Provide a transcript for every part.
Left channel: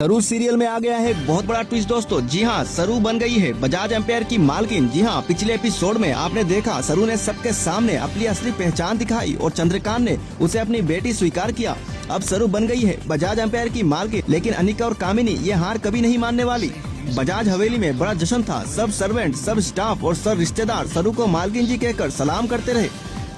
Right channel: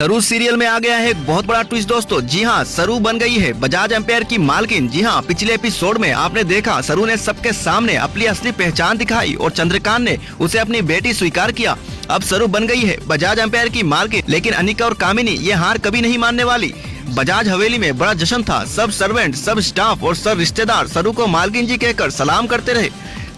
सरू सीरियल में आ गया है एक बहुत बड़ा ट्विस्ट दोस्तों। जी हाँ, सरू बन गई है बजाज एम्पायर की मालकिन। जी हाँ, पिछले एपिसोड में आपने देखा सरू ने सबके सामने अपनी असली पहचान दिखाई और चंद्रकांत ने उसे अपनी बेटी स्वीकार किया। अब सरू बन गई है बजाज एम्पायर की मालकिन, लेकिन अनिका और कामिनी ये हार कभी नहीं मानने वाली। बजाज हवेली में बड़ा जश्न था। सब सर्वेंट, सब स्टाफ और सब रिश्तेदार सरू को मालकिन जी कहकर सलाम करते रहे।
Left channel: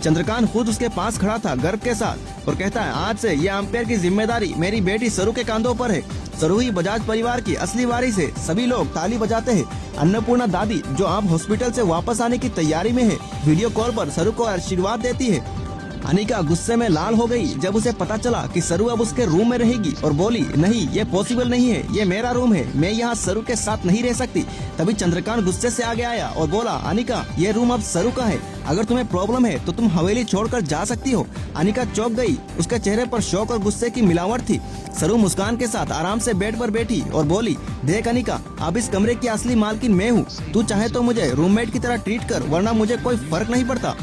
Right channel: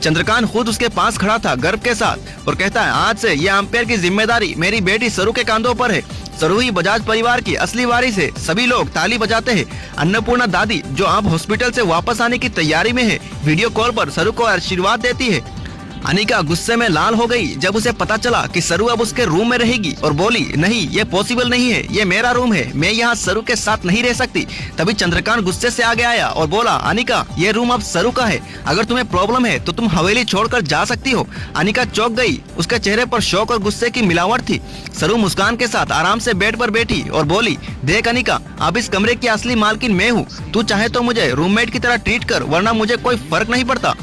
चंद्रकांत खुद उसके पास खड़ा था गर्व के साथ और कहता है, आज से ये एम्पायर की जिम्मेदारी मेरी बेटी सरू के कंधों पर है। सरू ही बजाज परिवार की असली वारिस है। सभी लोग ताली बजाते हैं। अन्नपूर्णा दादी, जो अब हॉस्पिटल से वापस आने की तैयारी में है, वीडियो कॉल पर सरू को आशीर्वाद देती है। अनिका गुस्से में लाल हो गई जब उसे पता चला कि सरू अब उसके रूम में रहेगी और बोली, नहीं ये पॉसिबल नहीं है, ये मेरा रूम है, मैं यहाँ सरू के साथ नहीं रह सकती। तभी चंद्रकांत गुस्से से आगे आया और बोला, अनिका ये रूम अब सरू का है, अगर तुम्हें प्रॉब्लम है तो तुम हवेली छोड़कर जा सकती हो। अनिका चौंक गई, उसके चेहरे पर शौक और गुस्से की मिलावट थी। सरू मुस्कान के साथ आराम से बेड पर बैठी और बोली, देख अनिका, अब इस कमरे की असली मालकिन मैं हूँ, तू चाहे तो मुझे रूममेट की तरह ट्रीट कर, वरना मुझे कोई फर्क नहीं पड़ता।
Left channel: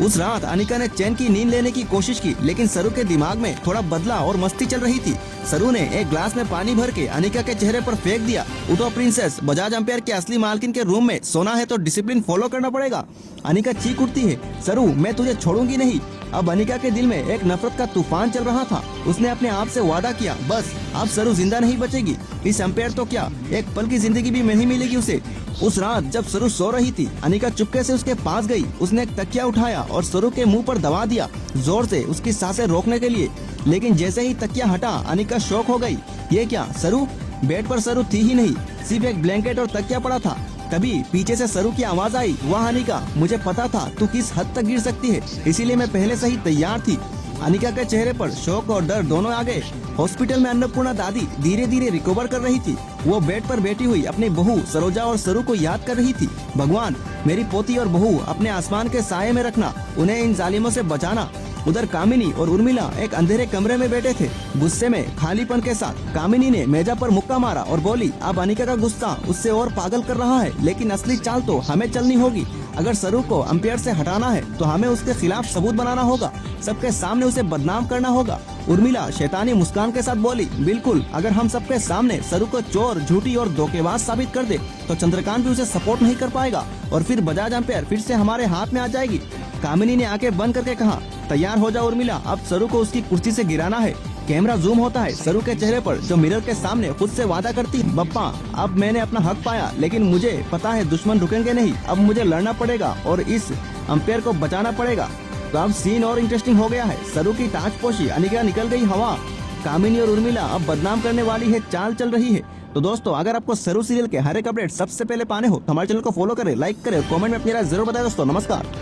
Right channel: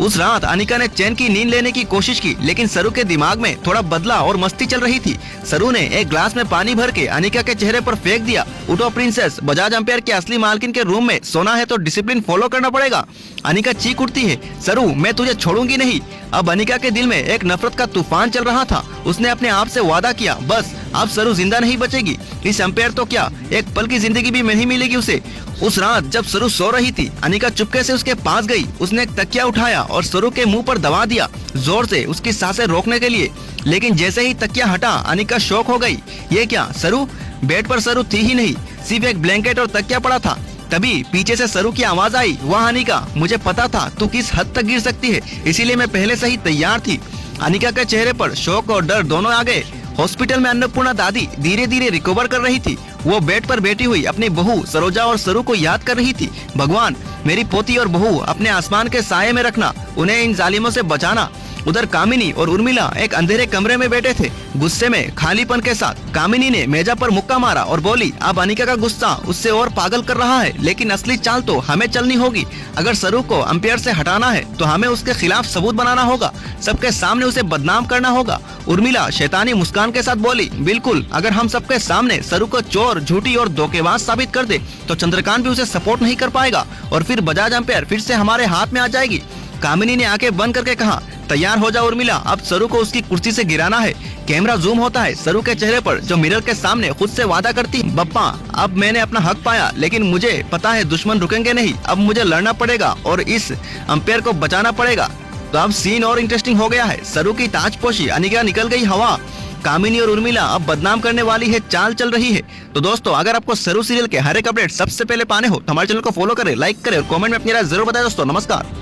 उस रात अनिका ने चैन की नींद लेने की कोशिश की, लेकिन सरू के दिमाग में थोड़ा बदला और मस्ती चल रही थी। सरू ने एक ग्लास में पानी भर के अनिका के चेहरे पर फेंक दिया। उठो प्रिंसेस, बजाज एम्पायर के असली मालकिन के रूम में सोना है तो डिसिप्लिन फॉलो करना पड़ेगा। अनिका चीख उठती है, सरू मैं तुझे छोड़ूंगी नहीं। अब अनिका के दिल में एक नफरत का तूफान चल रहा था। उसने अपने आप से वादा किया, बस अब सरू जिंदा नहीं बचेगी। इस एम्पायर तो क्या, एक पल की जिंदगी भी नहीं मिलेगी उसे। उस रात जब सरू सो रही थी, अनिका चुपके से उसके पास गई। उसने एक तकिया उठाया और सरू के मुंह पर दबा दिया, जोर से उसकी सांसें रोकने के लिए। लेकिन जैसे ही तकिया हटा, अनिका शॉक हो गई। ये क्या सरू? बेड पर सरू थी ही नहीं, सिर्फ एक ब्लैंकेट और तकिया पड़ा था। तभी पीछे से सरू की आवाज आई, वाह अनिका, मुझे पता था तू किस हद तक गिर सकती है, इसीलिए मैं पहले से ही तैयार थी। अनिका के चेहरे पर शौक और डर दोनों आ गए। हॉस्पिटल में अन्नपूर्णा दादी धीरे धीरे रिकवर कर रही थी। वो बेड पर बैठी हुई अपनी बहू सरोजा और सरू को याद कर रही थी। भगवान, मेरी पोती और बहू अपने आसमान के साये में रखना, उन्हें इन जालिमों से बचाना। उधर कामिनी और उर्मिला एक अंधेरे कमरे में बैठे थे, गुस्से में, खालीपन के साथ। कामिनी ने मेजा पर मुक्का मारा और बोली, अब अनिका का गुस्सा उससे और पागल कर रहा है, लेकिन असली चाल तो हमें चलनी होगी। अगर सरू को एम्पायर से हटाना है तो हमें उसके खिलाफ सबूत बनाना होगा, सबके सामने उसे बदनाम करना होगा। उर्मिला शैतानी मुस्कान के साथ बोली, बिल्कुल, अगर हम सबके सामने सरू को चोर, झूठी और धोखेबाज साबित कर दे तो चंद्रकांत भी उसे सपोर्ट नहीं कर पाएगा और फिर बजाज एम्पायर फिर से हमारे हाथ में आ जाएगी। कामिनी ने आंखें बंद करके कहा, तैयार हो जा उर्मिला, अब सरू को उसकी कुर्सी से गिराना है। कैमरा जूम होता है सरू के चेहरे पर, जो मिरर के सामने खुद से वादा करती, बप्पा अब मैंने अपना हक पाया, लेकिन मुझे पता है दुश्मन रुकेंगे नहीं, अब मुझे लड़ना पड़ेगा और इस एम्पायर को बचाना पड़ेगा। तो अब सीन और इंटरेस्टिंग हो गया है। सरू की ताजपोशी, अनिका निकल गई हवा, कामिनी और उर्मिला अब बदनाम करने वाली है, चाल चल रही है। तो दोस्तों, अगर आपको सरू सीरियल के हर एक अपडेट सबसे पहले पाने हो तो हमारे चैनल को फॉलो करें, लाइक करें और कमेंट में अपनी राय जरूर बताएं दोस्तों। नमस्कार।